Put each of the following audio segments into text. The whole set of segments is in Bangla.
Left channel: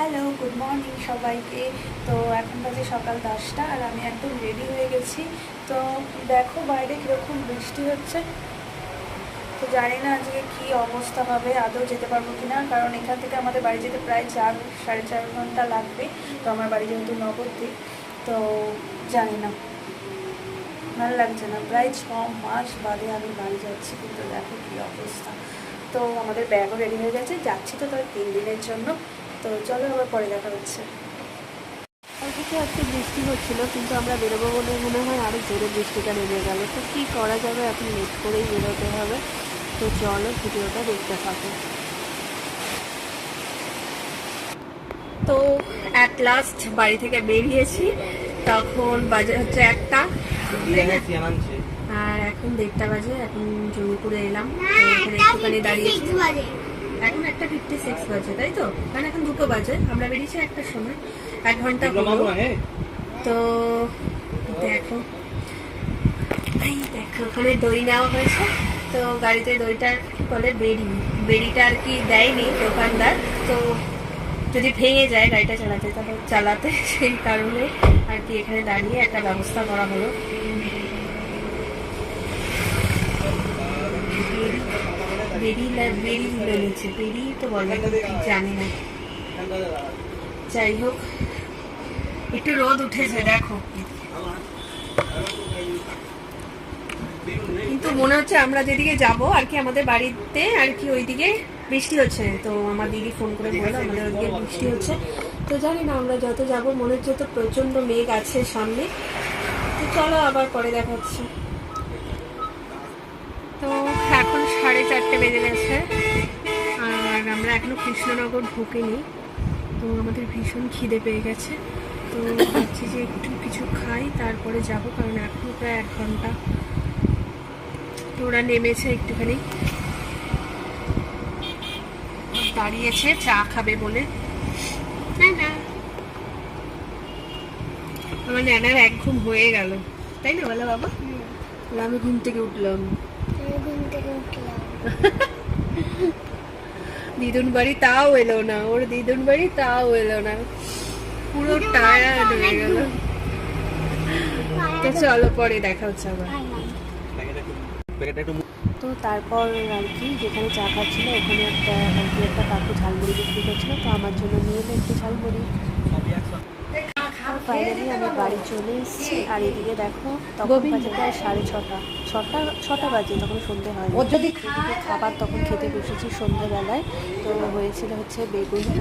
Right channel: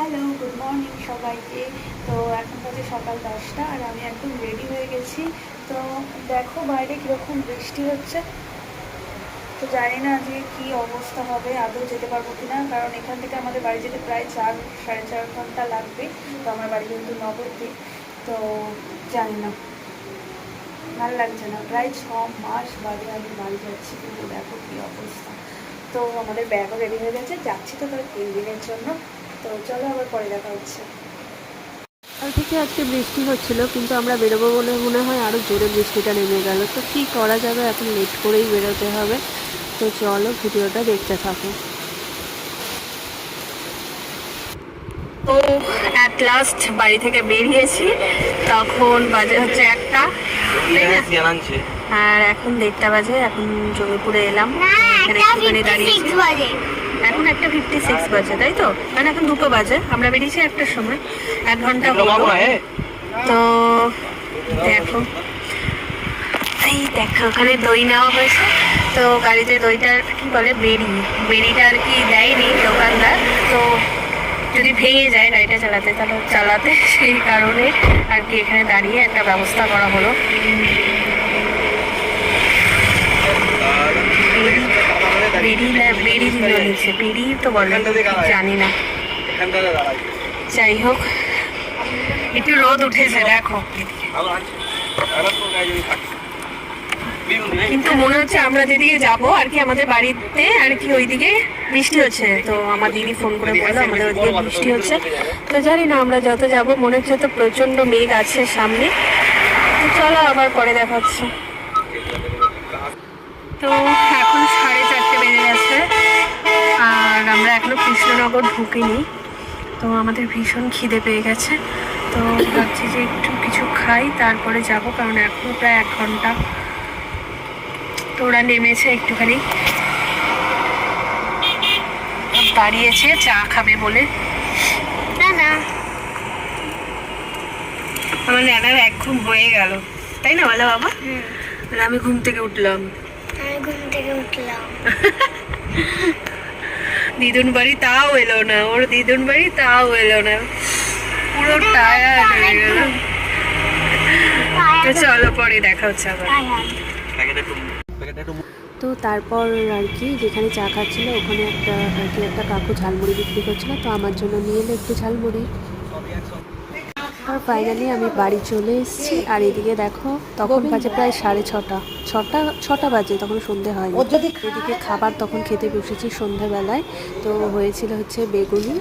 হ্যালো, গুড মর্নিং সবাইকে। তো এখন বাজে সকাল 10টা আর আমি একদম রেডি হয়ে গেছি। তো দেখো বাইরে কীরকম বৃষ্টি হচ্ছে। তো জানি না আজকে কী অবস্থা হবে, আদৌ যেতে পারবো কি না, কারণ এখান থেকে আমাদের বাড়ি যেতে প্রায় 4-4.5 ঘন্টা লাগবে। তো আমার বাড়ি যেহেতু নবদ্বীপ, তো জানি না, ভালো লাগছে না। প্রায় 6 মাস বাদে আমি বাড়ি যাচ্ছি, কিন্তু দেখো কী অবস্থা। তো আমাদের ব্যাগও রেডি হয়ে গেছে, যাচ্ছি তো তার 3 দিনের জন্য। তো চলো আবার পরে দেখা হচ্ছে। কাল থেকে আজকে বৃষ্টি হচ্ছিল, কিন্তু আমরা বেরোবো বলে মনে হয় আরও জোরে বৃষ্টিটা নেমে গেল। তো কী করা যাবে, এখন লেট করেই বেরোতে হবে। তো চলো ভিডিওটা দেখতে থাকো। তো অ্যাট লাস্ট বাড়ি থেকে বেরিয়েছি, তখন বাজে হচ্ছে 1টা আর এখন 1:30 বাজে। এখন জমিপুরে এলাম, এখানে একটুখানি দাঁড়িয়েছি। এখন 1:56 বাজে, তাই তো? কারণ এখন 2টো বাজে, আমরা বেরিয়েছি 1টার সময়, 1 ঘন্টা হলো। তো দেখো, এই দেখো ওখানে দই নেওয়া হয়েছে। তো গাড়িতে দইটা কি করে, বেরিটা আর কি দেয়নি দোকানদার। তো যদি ভেঙে যায় গাড়িটা চালাতে সেই কারণে আর কি এখানে দাঁড়িয়ে একটা ব্যবস্থা করা হলো। বেরি তো বলে, জানি না। যাই হোক, একটু রোদ উঠেছে দেখো, কিন্তু মনে হচ্ছে আমরা যেদিকে যাবো আর কি, আমাদের বাড়িতে আর কি ওইদিকে বৃষ্টি হচ্ছে। তো আমার দিদি ফোন করে বললো আমাদের ওইদিকে বৃষ্টি হচ্ছে। তো জানি না, আমরা যত যাবো মনে হচ্ছে তো প্রচন্ড মেঘ আছে সামনে। চলো আবার পরে দেখা হচ্ছে। তো এখন 4:30 বেজে গেছে আর আমরা এখনো কৃষ্ণনগর ঢুকিনি। তো আমাদের ভীষণ খিদে পেয়ে গেছে। তো ভাবছি যে একটু কিছু খাই, তারপরে যাব, কারণ এখনো প্রায় 1 ঘন্টা। তো ওরা নেমেছে, একটুখানি দাঁড়িয়েছে চা খাবে বলে। না, আমার ন্যানার 1 ঘুম হয়ে গেল, তাই না বলো বাবা? আমি ঘুম থেকে উঠলাম। দিদুন বাড়ি তাও এলো না, ওর দিদুন বাড়ি তাও এলো না, পুরো টায়ার্ড হয়ে গেল। তো চলো পরে দেখা হচ্ছে আবার। তো তারপর আর কি যেখানে চা খাচ্ছিল ওখানে একটা কাকু ঝালমুড়ি বিক্রি করছিল, তো আমার জন্য নিয়ে এলো একটু ঝালমুড়ি। আর ফাইনালি আমি বাড়ি চলে এসেছি। আর এদিকে দেখো, তখন বাজে প্রায় 6:30 বাজে, তখন সন্ধে হয়নি। এদিকে খাবার তখন খেতে বসেছি সন্ধ্যেবেলায়। তো হয়েছিল হচ্ছে বেগুনি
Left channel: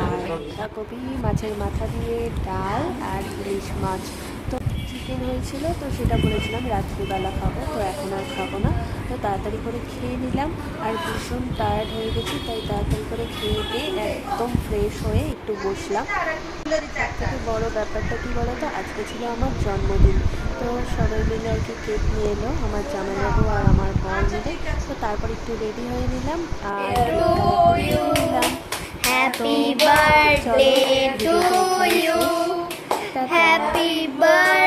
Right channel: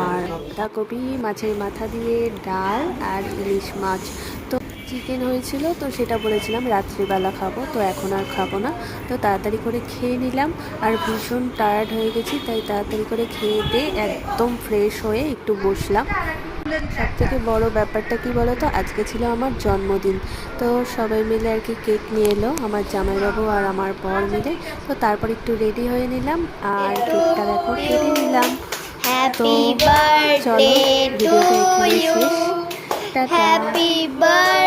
আর বাঁধাকপি, মাছের মাথা দিয়ে ডাল আর ইলিশ মাছ। তো চিকেন হয়েছিল, তো সেটা বলেছিলাম রাত্রিবেলা খাবো, তো এখন আর খাবো না। তো তাড়াতাড়ি করে খেয়ে নিলাম, আর ভীষণ টায়ার্ড হয়ে গেছি, তাই তাড়াতাড়ি করে খেয়ে দিয়ে একদম ফ্রেশ হয়ে একটু বসলাম। সবথেকে বড় ব্যাপারটা কি বলো তো, আজকে ছিল আমার জন্মদিন। তো সবাই মিলে আর কি কেক নিয়ে এলো, আমার জামাইবাবু আর আমার বর মিলে। তো তারপর একটু রেডি হয়ে নিলাম আর কেকটা দেখো কেটে নিলাম। Happy birthday to you, happy birthday